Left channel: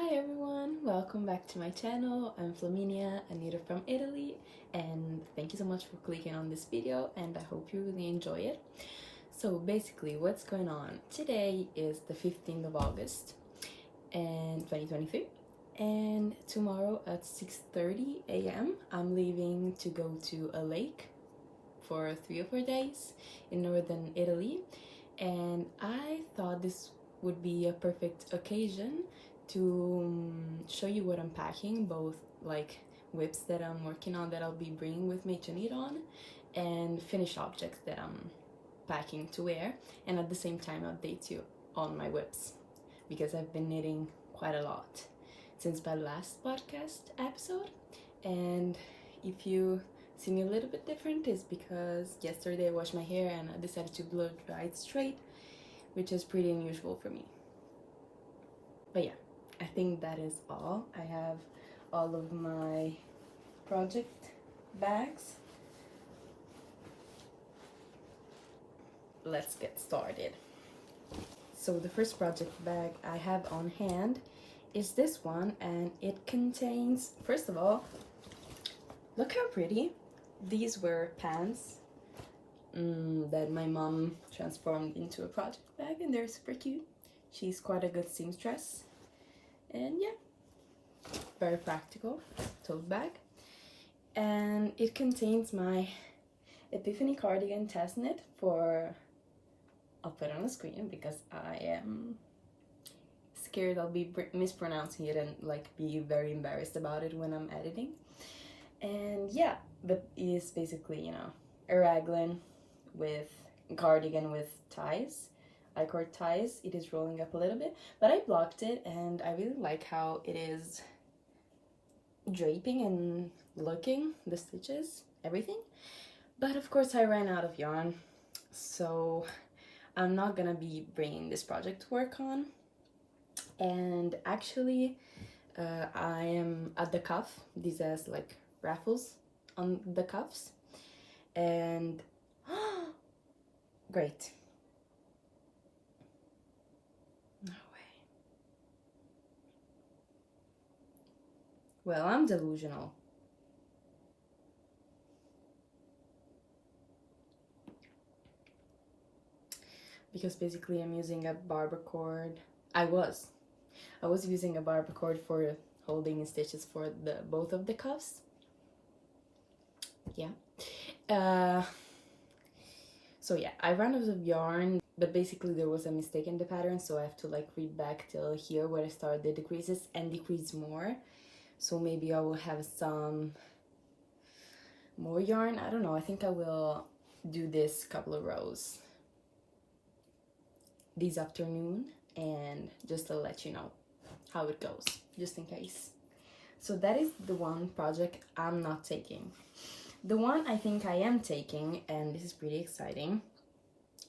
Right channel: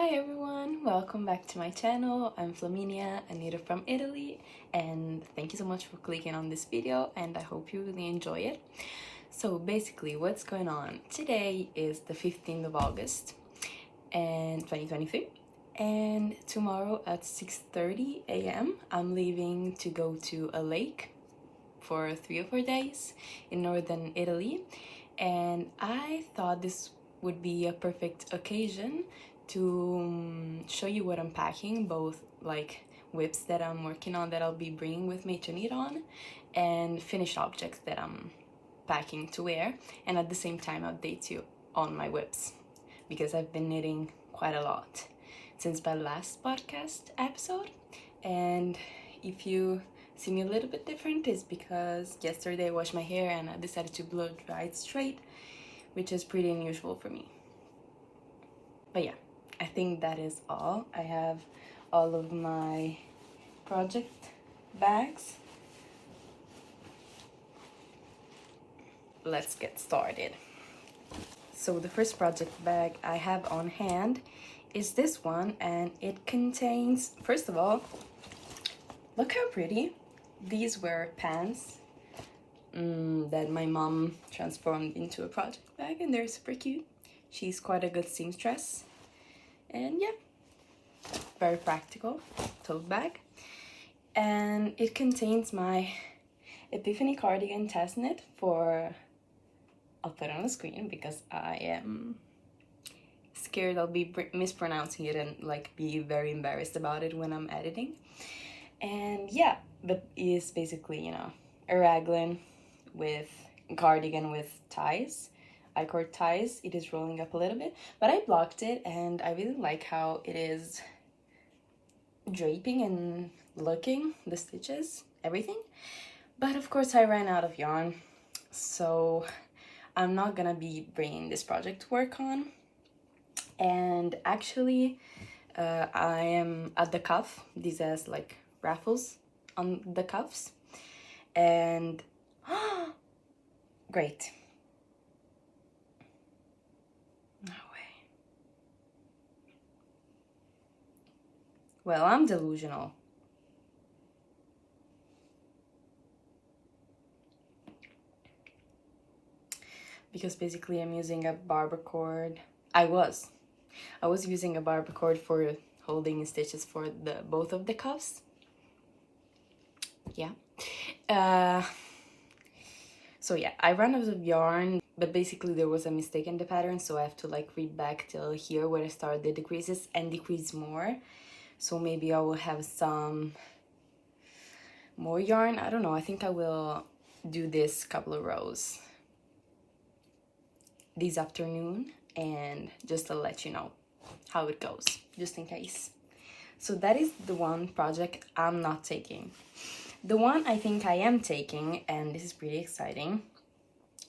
Hi everyone, welcome back to my channel. I'm Flaminia, a native from Italy, and thank you so much for clicking on this video, and I hope you really enjoy it. So basically, what's going on? Today is the 15th of August and 2023, and tomorrow at 6:30 a.m. I'm leaving to go to a lake for 3 or 4 days in northern Italy, and I thought this would be a perfect occasion to show you what I'm packing, both like WIPs that I'm working on that I'll be bringing with me to knit on, and finished objects that I'm packing to wear, and at the same time update you on my WIPs because I've been knitting quite a lot since my last podcast episode. And if you see me a little bit different, it's because yesterday I washed my hair and I decided to blow dry it straight, which is pretty unusual for me. But yeah, I think that is all. I have all of my project bags. Let's get started. So the first project bag I have on hand is this one, and it contains, first of all, look how pretty. These were pants that my mom transformed into a project bag, and they're super cute. She's quite a good seamstress, and yeah, very practical tote bag. And it contains my Epiphany cardigan test knit for, I'll put it on the screen because I am scared I'll be mispronouncing it and like be very embarrassed about it when I'm editing. And yeah, but it's basically, you know, a raglan with cardigan with ties. I cord ties. It is rolling up a little bit, but I blocked it and I really like how it is draping and looking, the stitches, everything. But of course I ran out of yarn, so I'm not gonna be bringing this project to work on. And actually I am at the cuff. This has like raffles on the cuffs, and great. No way. Well, I'm delusional. Because basically I'm using a barber cord. I was using a barber cord for holding stitches for both of the cuffs. Yeah. So yeah, I ran out of yarn, but basically there was a mistake in the pattern, so I have to like read back till here where I started the decreases and decrease more. So maybe I will have some more yarn. I don't know. I think I will do this couple of rows this afternoon, and just to let you know how it goes, just in case. So that is the one project I'm not taking. The one I think I am taking, and this is pretty exciting,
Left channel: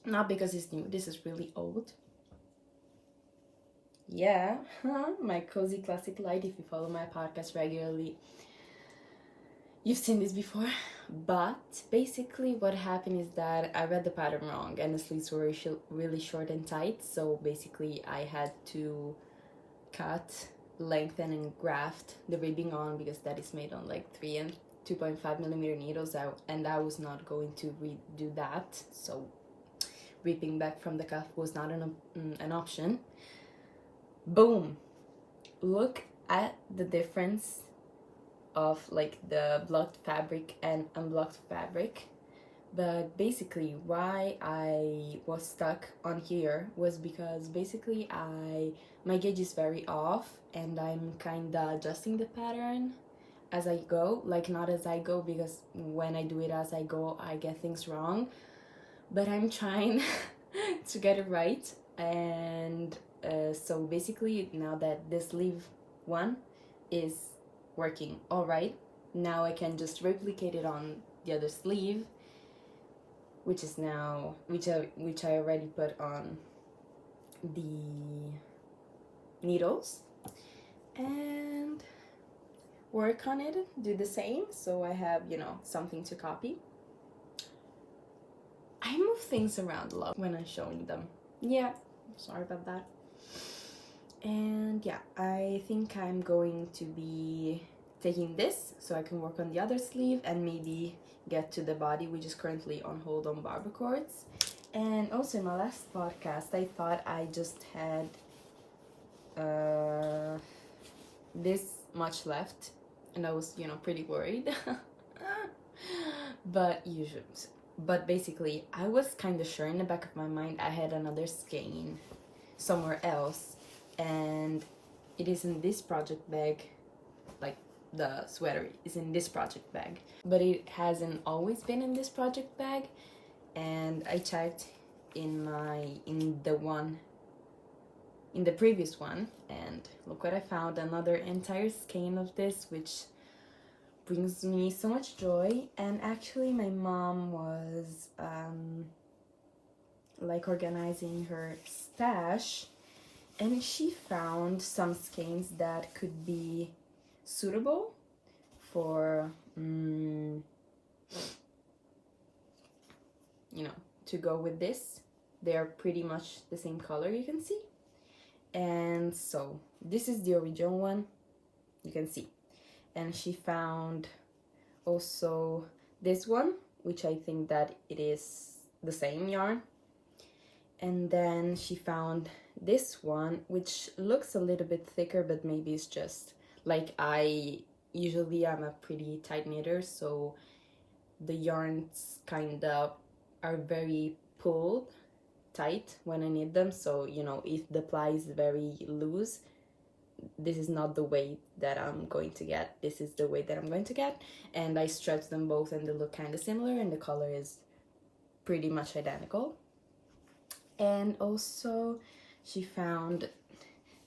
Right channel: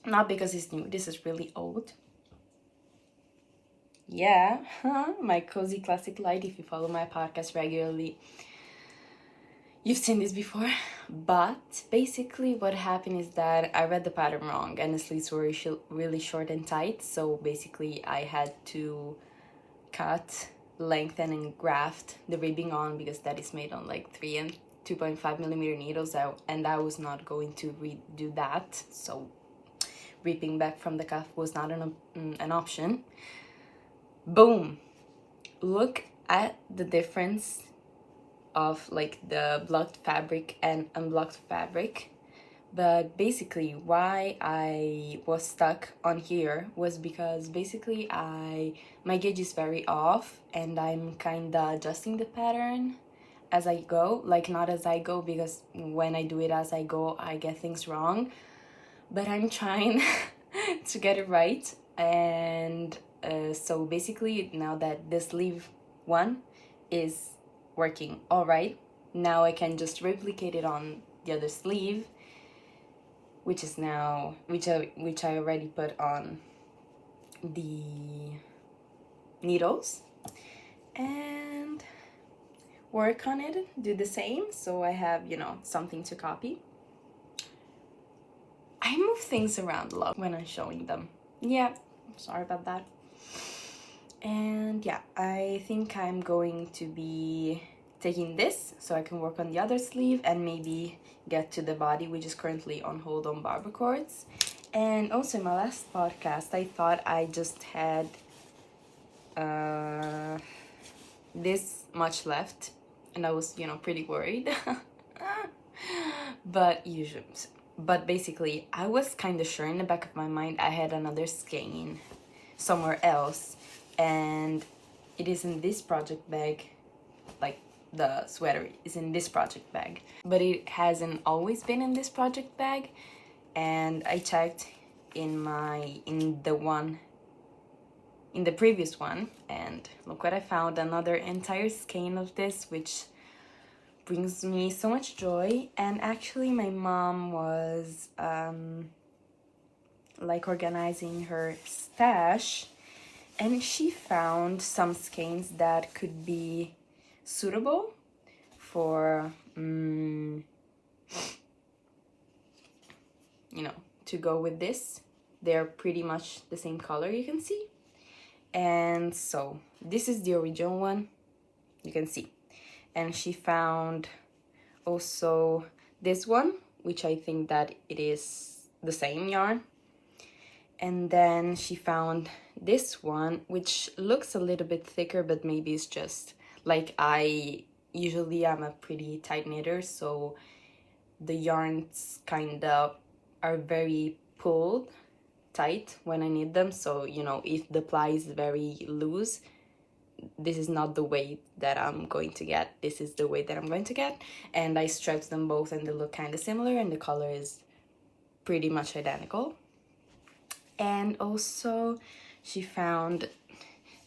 not because it's new, this is really old. Yeah, my cozy classic light. If you follow my podcast regularly, you've seen this before. But basically what happened is that I read the pattern wrong and the sleeves were really short and tight, so basically I had to cut, lengthen and graft the ribbing on, because that is made on like 3 and 2.5 millimeter needles, and I was not going to redo that, so ripping back from the cuff was not an option. Boom! Look at the difference of like the blocked fabric and unblocked fabric. But basically why I was stuck on here was because basically my gauge is very off, and I'm kinda adjusting the pattern as I go. Like, not as I go, because when I do it as I go I get things wrong, but I'm trying to get it right. And so basically now that this sleeve one is working all right, now I can just replicate it on the other sleeve, which is now which I already put on the needles, and work on it, do the same, so I have, you know, something to copy. I move things around a lot when I'm showing them. Yeah, sorry about that. And yeah, I think I'm going to be taking this so I can work on the other sleeve and maybe get to the body, which is currently on hold on barber cords. And also in my last podcast, I thought I just had this much left, and I was, pretty worried. But basically, I was kind of sure in the back of my mind I had another skein somewhere else, and it is in this project bag. Like, the sweater is in this project bag, but it hasn't always been in this project bag. And I checked in the previous one, and look what I found, another entire skein of this, which brings me so much joy. And actually my mom was like organizing her stash, and she found some skeins that could be suitable for to go with this. They're pretty much the same color, you can see. And so this is the original one, you can see. And she found also this one, which I think that it is the same yarn. And then she found this one, which looks a little bit thicker, but maybe it's just like I'm a pretty tight knitter, so the yarns kind of are very pulled tight when I knit them. So if the ply is very loose, this is not the weight that I'm going to get. This is the weight that I'm going to get. And I stretched them both and they look kind of similar, and the color is pretty much identical. And also she found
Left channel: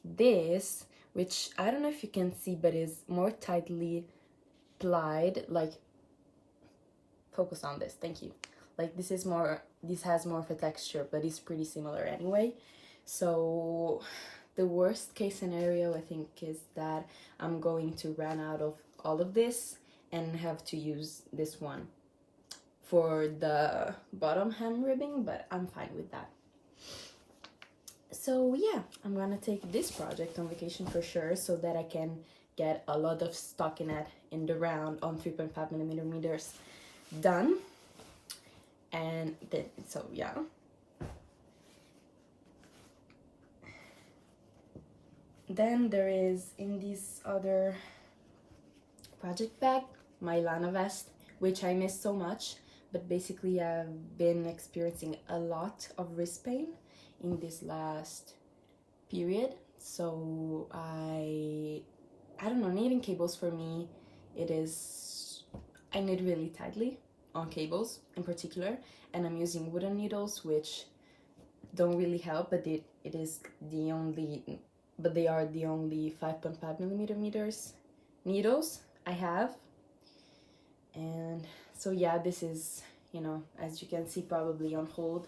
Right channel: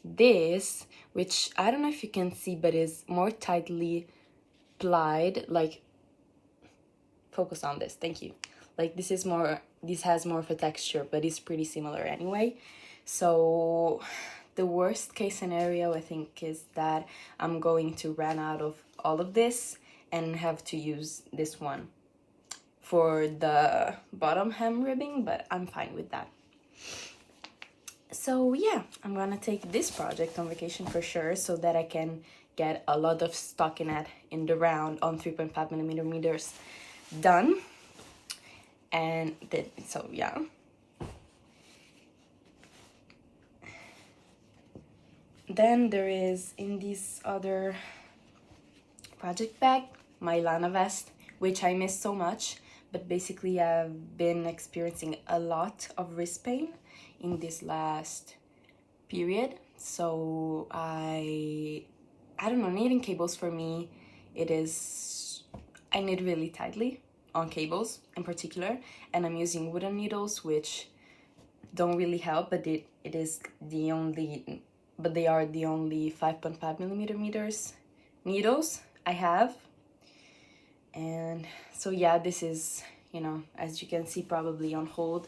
this, which I don't know if you can see, but is more tightly plied. Like, focus on this, thank you. Like, this has more of a texture, but it's pretty similar anyway. So the worst case scenario, I think, is that I'm going to run out of all of this and have to use this one for the bottom hem ribbing, but I'm fine with that. So yeah, I'm gonna take this project on vacation for sure, so that I can get a lot of stockinette in the round on 3.5mm meters done. And then, so yeah. Then there is, in this other project bag, my Lana vest, which I miss so much, but basically I've been experiencing a lot of wrist pain in this last period. So I don't know, knitting cables for me, I knit really tightly on cables in particular, and I'm using wooden needles, which don't really help, but they are the only 5.5mm meters needles I have. And so yeah, this is, as you can see, probably on hold,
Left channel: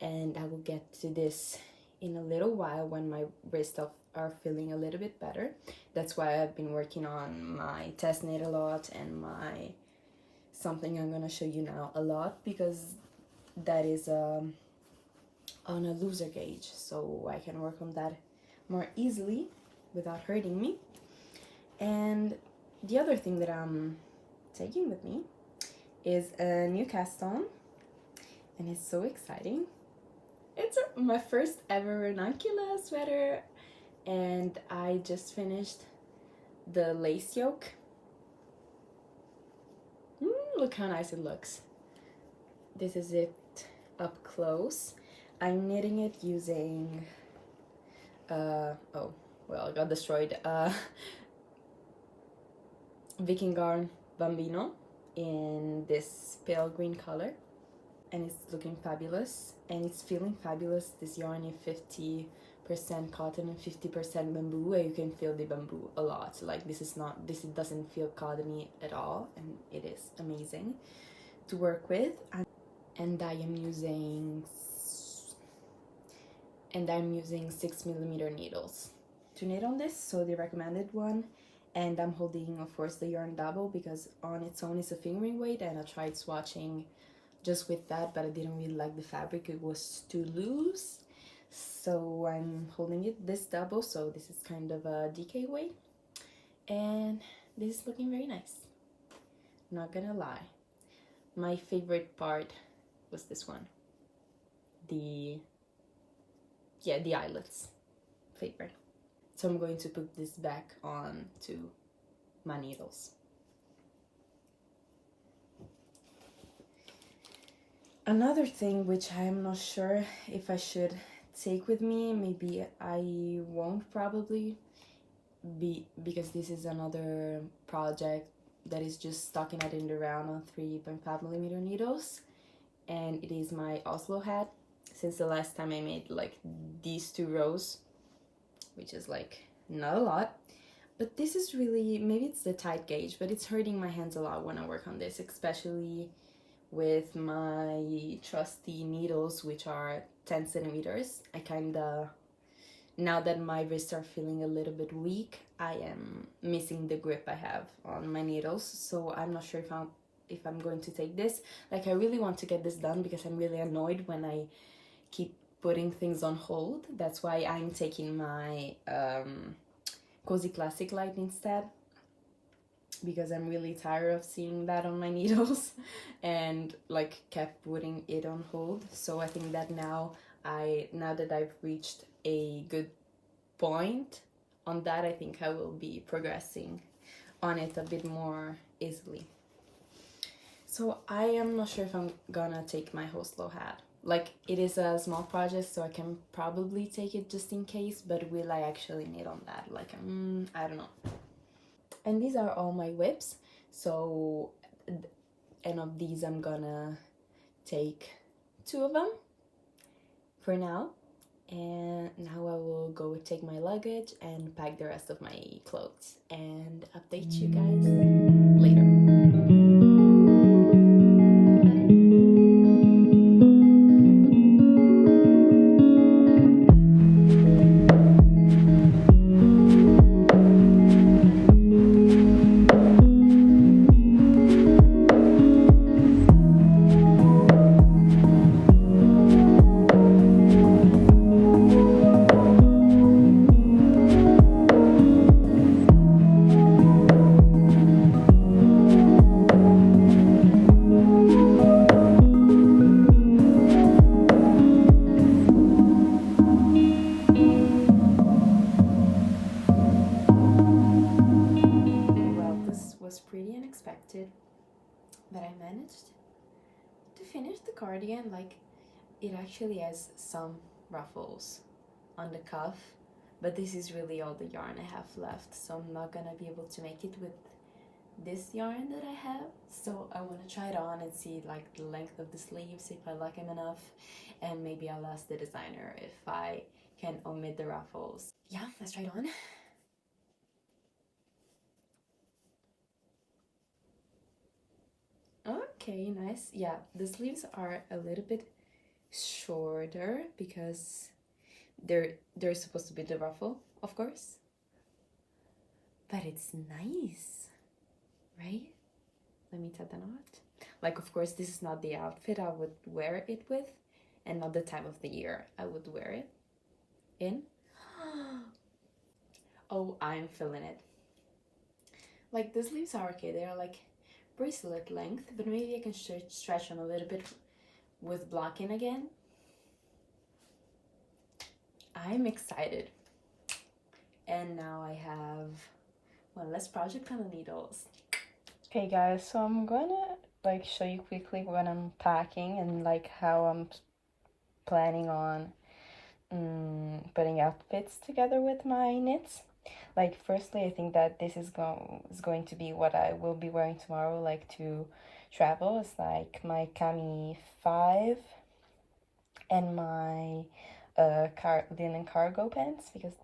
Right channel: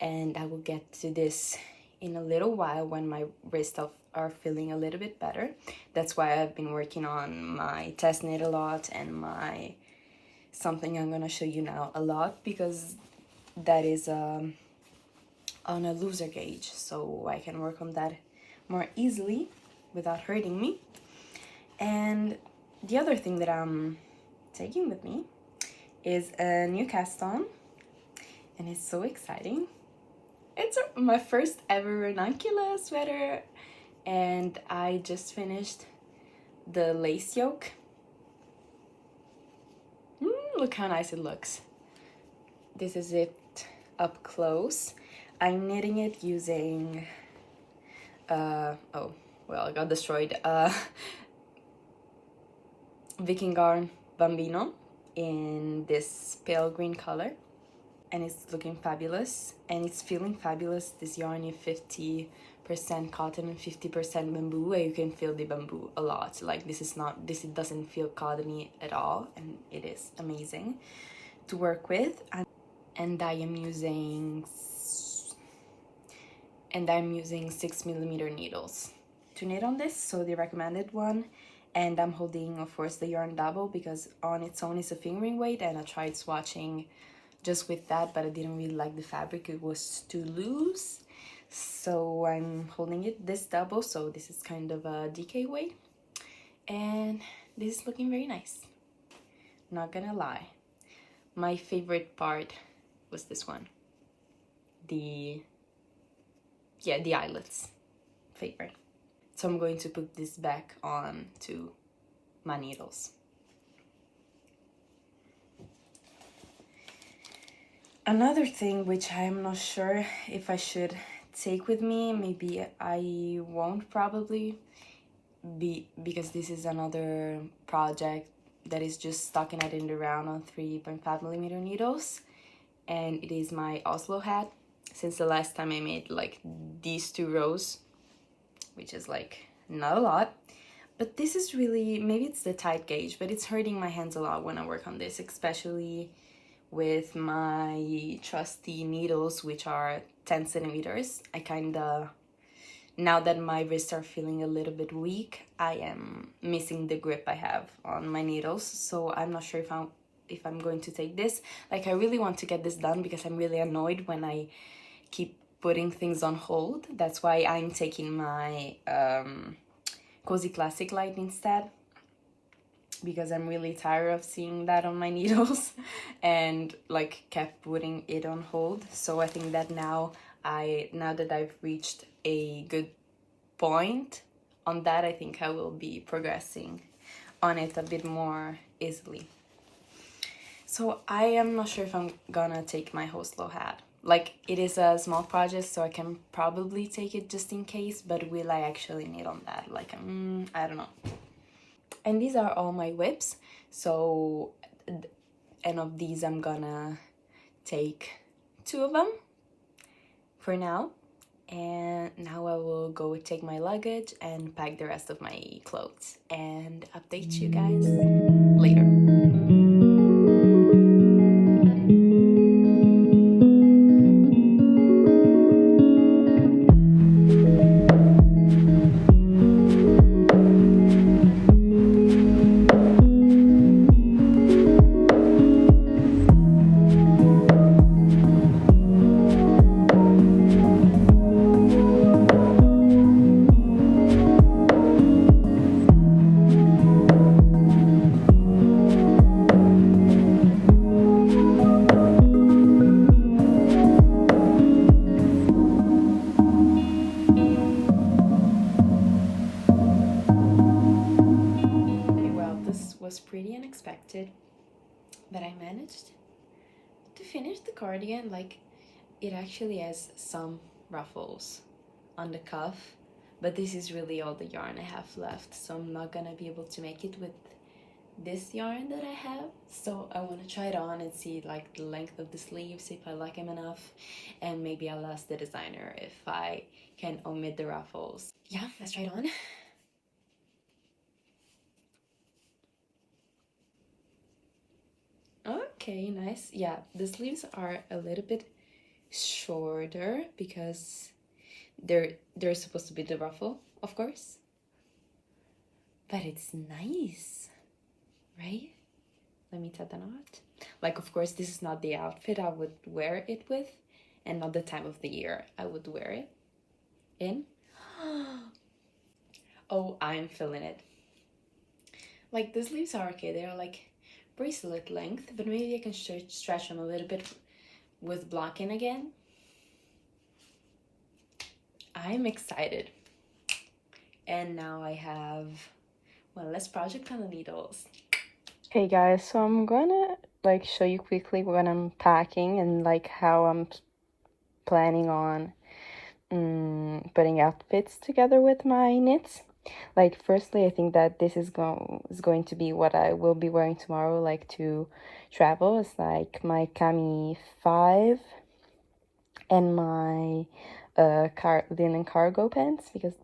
and I will get to this in a little while when my wrists are feeling a little bit better. That's why I've been working on my test knit a lot, and something I'm gonna show you now a lot, because that is on a looser gauge, so I can work on that more easily without hurting me. And the other thing that I'm taking with me is a new cast on, and it's so exciting. It's my first ever ranunculus sweater, and I just finished the lace yoke. Look how nice it looks. This is it up close. I'm knitting it using oh well, I got destroyed, Viking Garn Bambino in this pale green color, and it's looking fabulous, and it's feeling fabulous. This yarn is 50% cotton and 50% bamboo, and you can feel the bamboo a lot. Like, it doesn't feel cottony at all, and it is amazing to work with. And I'm using 6mm needles to knit on this, so the recommended one. And I'm holding, of course, the yarn double, because on its own it's a fingering weight, and I tried swatching just with that, but I didn't really like the fabric. It was too loose. So I'm holding it this double, so this is kind of a DK weight, and this is looking very nice, not gonna lie. My favorite part was this one, the eyelets, favorite. So I'm going to put this back on to my needles. Another thing which I'm not sure if I should take with me, maybe I won't probably, because this is another project that is just stocking it in the round on 3.5mm needles, and it is my Oslo hat. Since the last time I made like these 2 rows, which is like not a lot, but this is really, maybe it's the tight gauge, but it's hurting my hands a lot when I work on this, especially with my trusty needles, which are 10 centimeters. I kinda, now that my wrists are feeling a little bit weak, I am missing the grip I have on my needles, so I'm not sure if I'm going to take this. Like, I really want to get this done because I'm really annoyed when I keep putting things on hold. That's why I'm taking my Cozy Classic light instead, because I'm really tired of seeing that on my needles and like kept putting it on hold. So I think that now that I've reached a good point on that, I think I will be progressing on it a bit more easily. So I am not sure if I'm gonna take my Oslo hat. Like, it is a small project, so I can probably take it just in case, but will I actually need on that? Like, I don't know. And these are all my WIPs, so, and of these I'm gonna take 2 of them for now, and now I will go take my luggage and pack the rest of my clothes and update you guys later. Was pretty unexpected, but I managed to finish the cardigan. Like, it actually has some ruffles on the cuff, but this is really all the yarn I have left, so I'm not gonna be able to make it with this yarn that I have. So I want to try it on and see like the length of the sleeves, if I like them enough, and maybe I'll ask the designer if I can omit the ruffles. Yeah, let's try it on. Okay, nice. Yeah, the sleeves are a little bit shorter because they're supposed to be the ruffle, of course. But it's nice, right? Let me tie the knot. Like, of course, this is not the outfit I would wear it with, and not the time of the year I would wear it in. Oh, I'm feeling it. Like, the sleeves are okay. They are like bracelet length, but maybe I can stretch them a little bit with blocking again. I'm excited. And now I have one less project on the needles. Hey guys, so I'm gonna like show you quickly what I'm packing and like how I'm planning on putting outfits together with my knits. Like, firstly, I think that this is going to be what I will be wearing tomorrow, like to travel. It's like my cami 5 and my linen cargo pants, because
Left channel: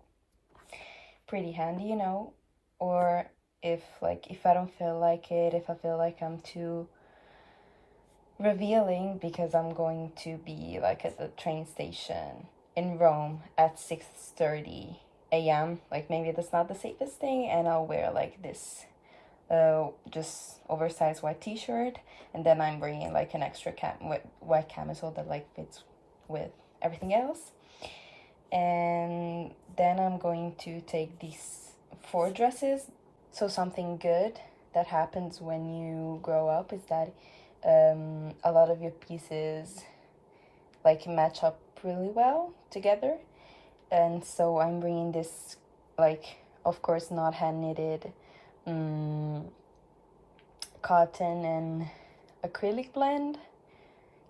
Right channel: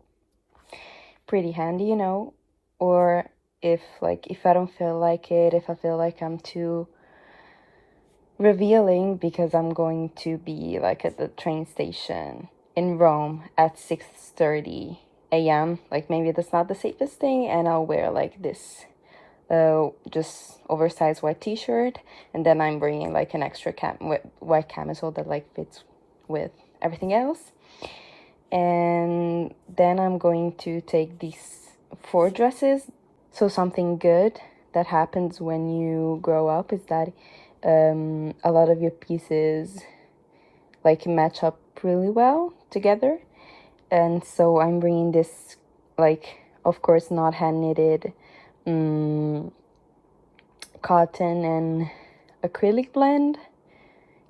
pretty handy, you know. Or if I don't feel like it, if I feel like I'm too revealing, because I'm going to be like at the train station in Rome at 6:30 a.m. Like, maybe that's not the safest thing, and I'll wear like this just oversized white t-shirt, and then I'm bringing like an extra white camisole that like fits with everything else. And then I'm going to take these 4 dresses. So something good that happens when you grow up is that a lot of your pieces like match up really well together. And so I'm bringing this, like, of course not hand knitted, cotton and acrylic blend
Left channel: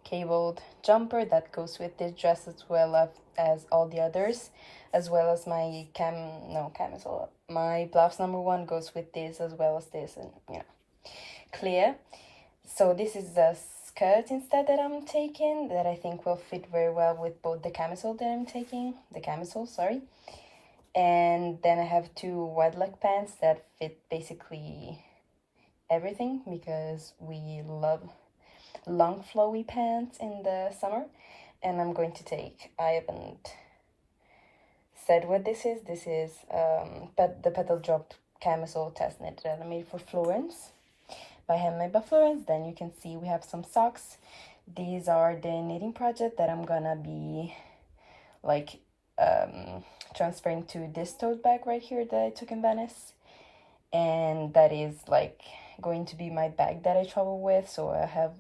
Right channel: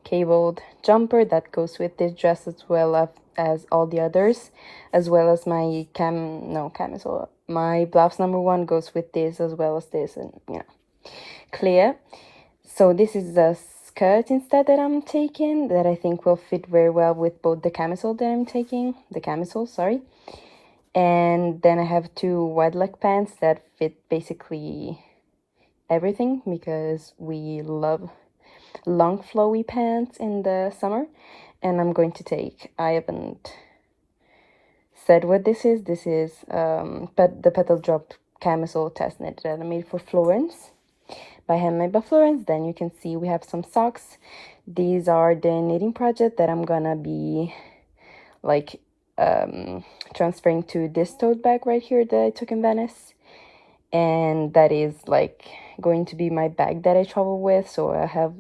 cabled jumper that goes with this dress, as well as all the others, as well as my camisole. My blouse number 1 goes with this, as well as this, and clear. So this is the skirt instead that I'm taking, that I think will fit very well with both the camisole that I'm taking, the camisole, sorry. And then I have 2 wide leg pants that fit basically everything, because we love long flowy pants in the summer. And I'm going to take, I haven't said what this is the Petal drop camisole test knit that I made for Florence, by handmade by Florence. Then you can see we have some socks. These are the knitting project that I'm gonna be like transferring to this tote bag right here that I took in Venice, and that is like going to be my bag that I travel with. So I have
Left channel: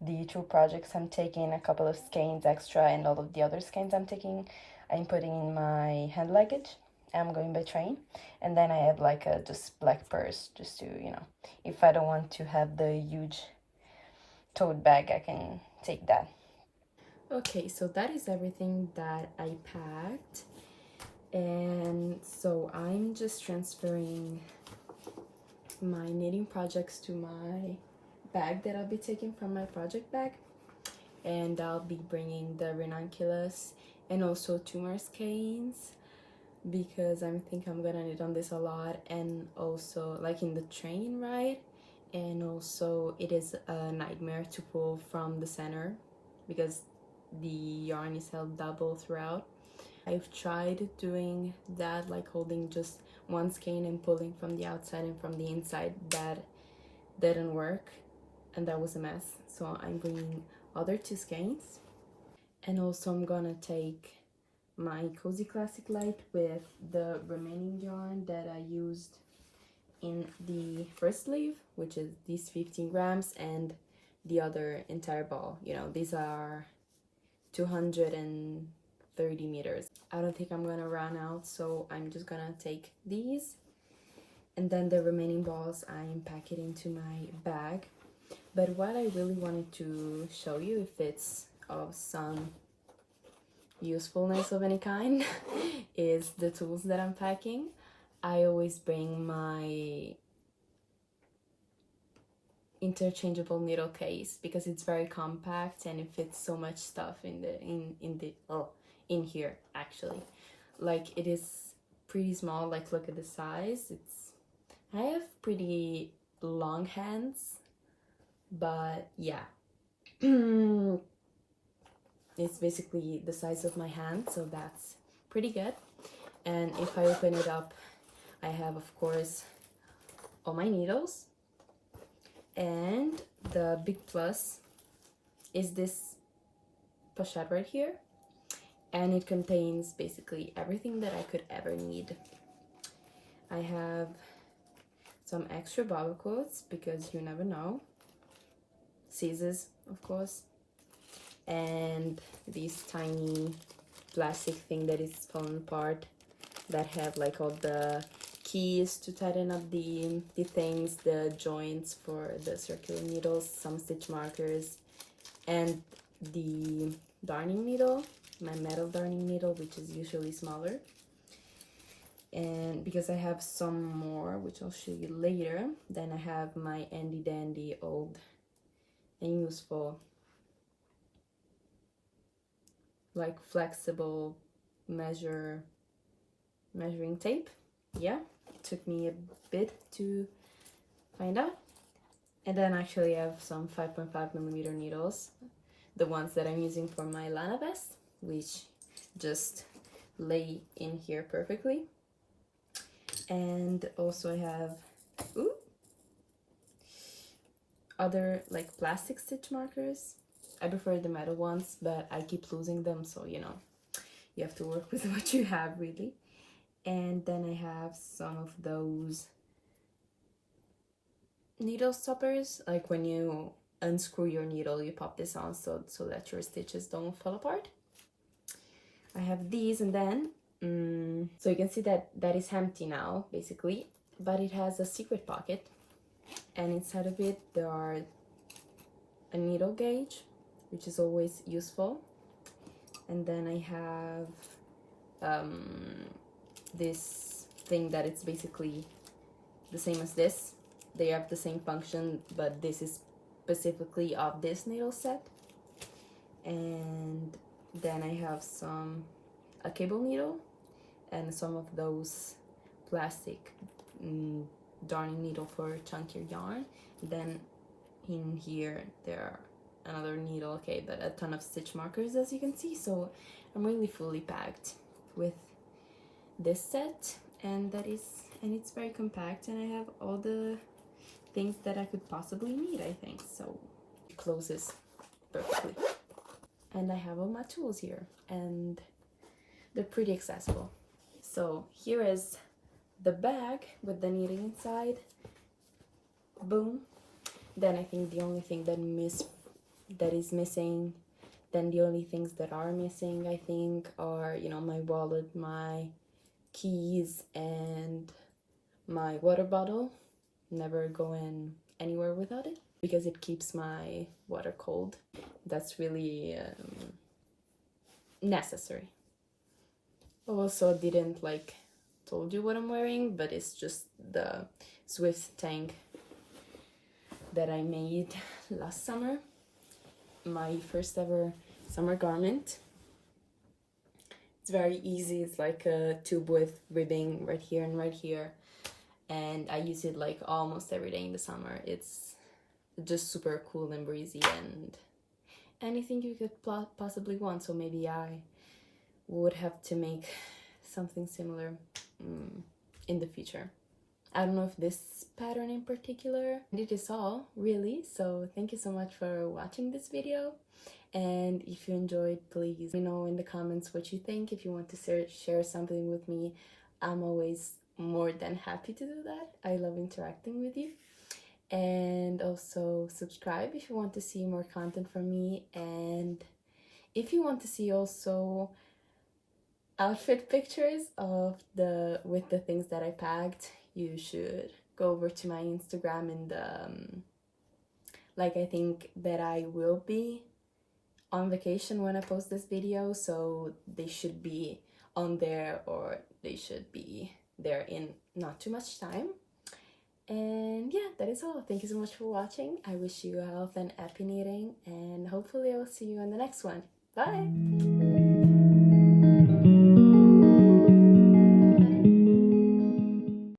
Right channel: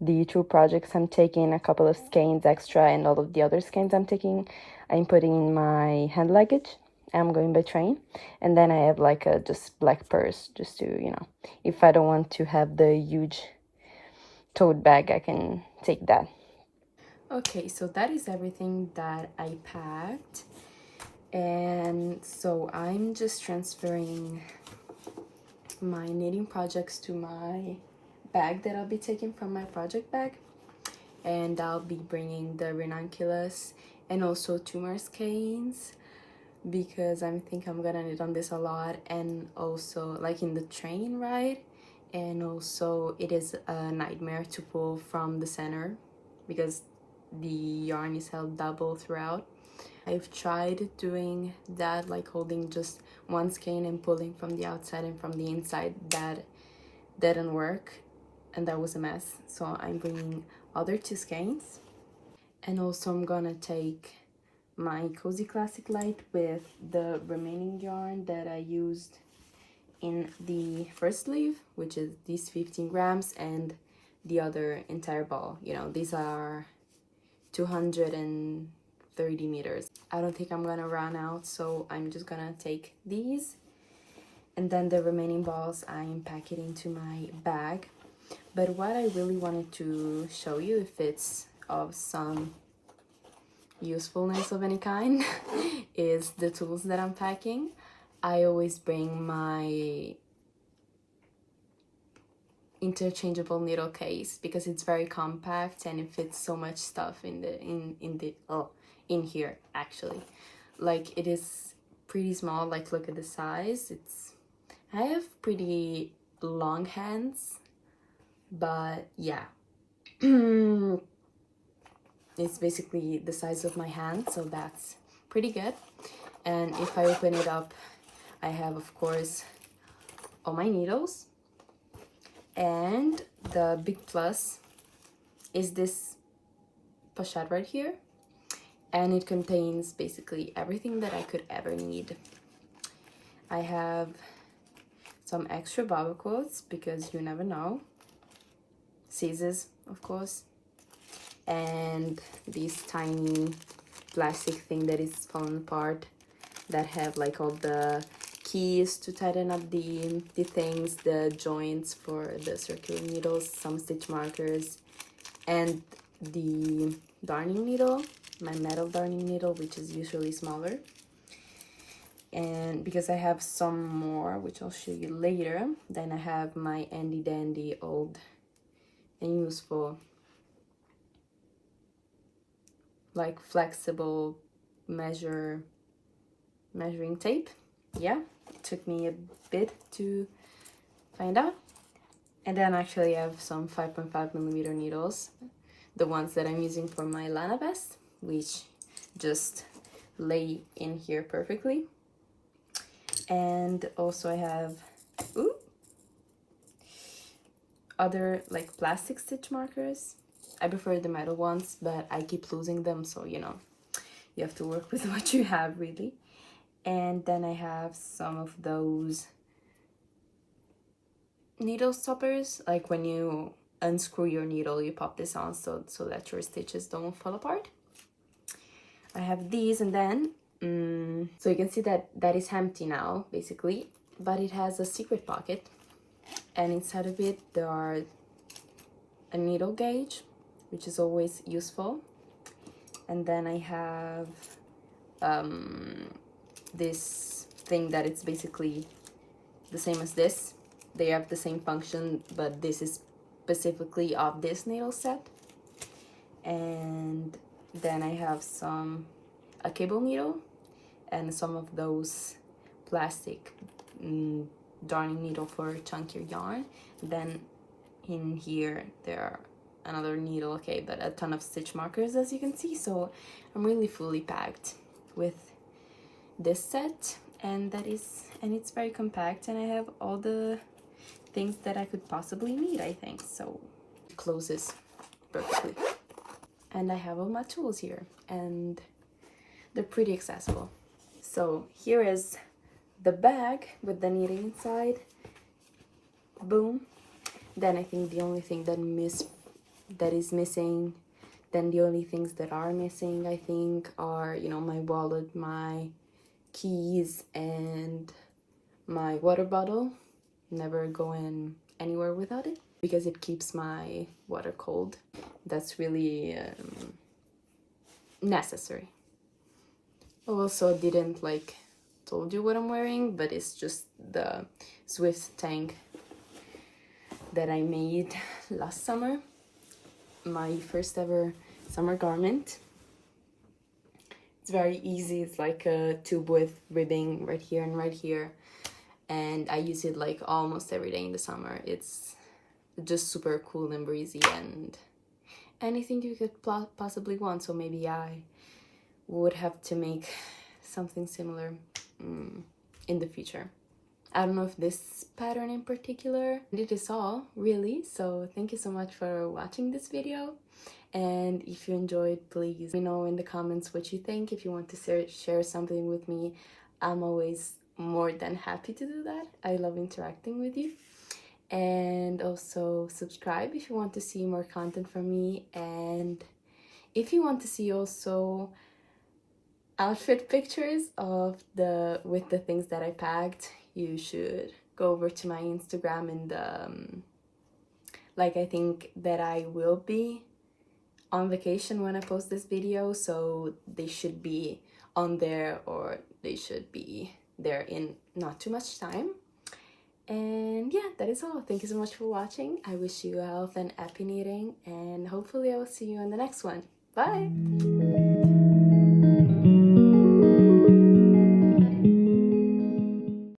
the 2 projects I'm taking, a couple of skeins extra, and all of the other skeins I'm taking, I'm putting in my hand luggage. I'm going by train. And then I have like a just black purse, just to, if I don't want to have the huge tote bag, I can take that. Okay, so that is everything that I packed. And so I'm just transferring my knitting projects to my bag that I'll be taking from my project bag. And I'll be bringing the ranunculus and also 2 more skeins, because I think I'm gonna knit on this a lot, and also like in the train ride. And also it is a nightmare to pull from the center because the yarn is held double throughout. I've tried doing that, like holding just 1 skein and pulling from the outside and from the inside. That didn't work, and that was a mess. So I'm bringing other 2 skeins. And also I'm gonna take my Cozy Classic Light with the remaining yarn that I used in the first sleeve, which is these 15 grams, and the other entire ball. These are 230 meters. I don't think I'm gonna run out, so I'm just gonna take these, and then the remaining balls I'm packing into my bag. But what I really wanted to show you, if it's of some usefulness of any kind, is the tools that I'm packing. I always bring my interchangeable needle case because it's very compact and it fits so much stuff in here. Actually, like, it is pretty small. Like, look at the size. I have pretty long hands, but yeah. It's basically the size of my hand, so that's pretty good. And if I open it up, I have, of course, all my needles. And the big plus is this pochette right here, and it contains basically everything that I could ever need. I have some extra bobble quotes because you never know. Scissors, of course, and this tiny plastic thing that is falling apart that have like all the keys to tighten up the things, the joints for the circular needles, some stitch markers, and the darning needle, my metal darning needle, which is usually smaller. And because I have some more, which I'll show you later, then I have my handy dandy old and useful, like, flexible measuring tape. Yeah, it took me a bit to find out. And then actually I have some 5.5 millimeter needles, the ones that I'm using for my Lana vest, which just lay in here perfectly. And also I have other like plastic stitch markers. I prefer the metal ones, but I keep losing them, so you have to work with what you have, really. And then I have some of those needle stoppers, like when you unscrew your needle, you pop this on so that your stitches don't fall apart. I have these, and then so you can see that is empty now, basically, but it has a secret pocket, and inside of it there are a needle gauge, which is always useful. And then I have this thing that it's basically the same as this. They have the same function, but this is specifically of this needle set. And then I have a cable needle and some of those plastic darning needle for chunkier yarn. Then in here there are another needle, okay, but a ton of stitch markers, as you can see. So I'm really fully packed with this set, and it's very compact, and I have all the things that I could possibly need, I think. So it closes perfectly. And I have all my tools here, and they're pretty accessible. So here is the bag with the knitting inside. Boom. Then I think the only thing that is missing, then the only things that are missing, I think, are, you know, my wallet, my keys, and my water bottle. Never going anywhere without it because it keeps my water cold. That's really necessary. Also didn't told you what I'm wearing, but it's just the Swift tank that I made last summer. My first ever summer garment. It's very easy. It's like a tube with ribbing right here and right here, and I use it like almost every day in the summer. It's just super cool and breezy and anything you could possibly want. So maybe I would have to make something similar in the future. I don't know if this pattern in particular. It is all, really. So thank you so much for watching this video. And if you enjoyed, please let me know in the comments what you think. If you want to share something with me, I'm always more than happy to do that. I love interacting with you. And also subscribe if you want to see more content from me. And if you want to see also outfit pictures with the things that I packed, you should go over to my Instagram, and I think that I will be on vacation when I post this video, so they should be on there, or they should be there in not too much time. And yeah, that is all. Thank you so much for watching. I wish you health and happy knitting, and hopefully I will see you on the next one. Bye!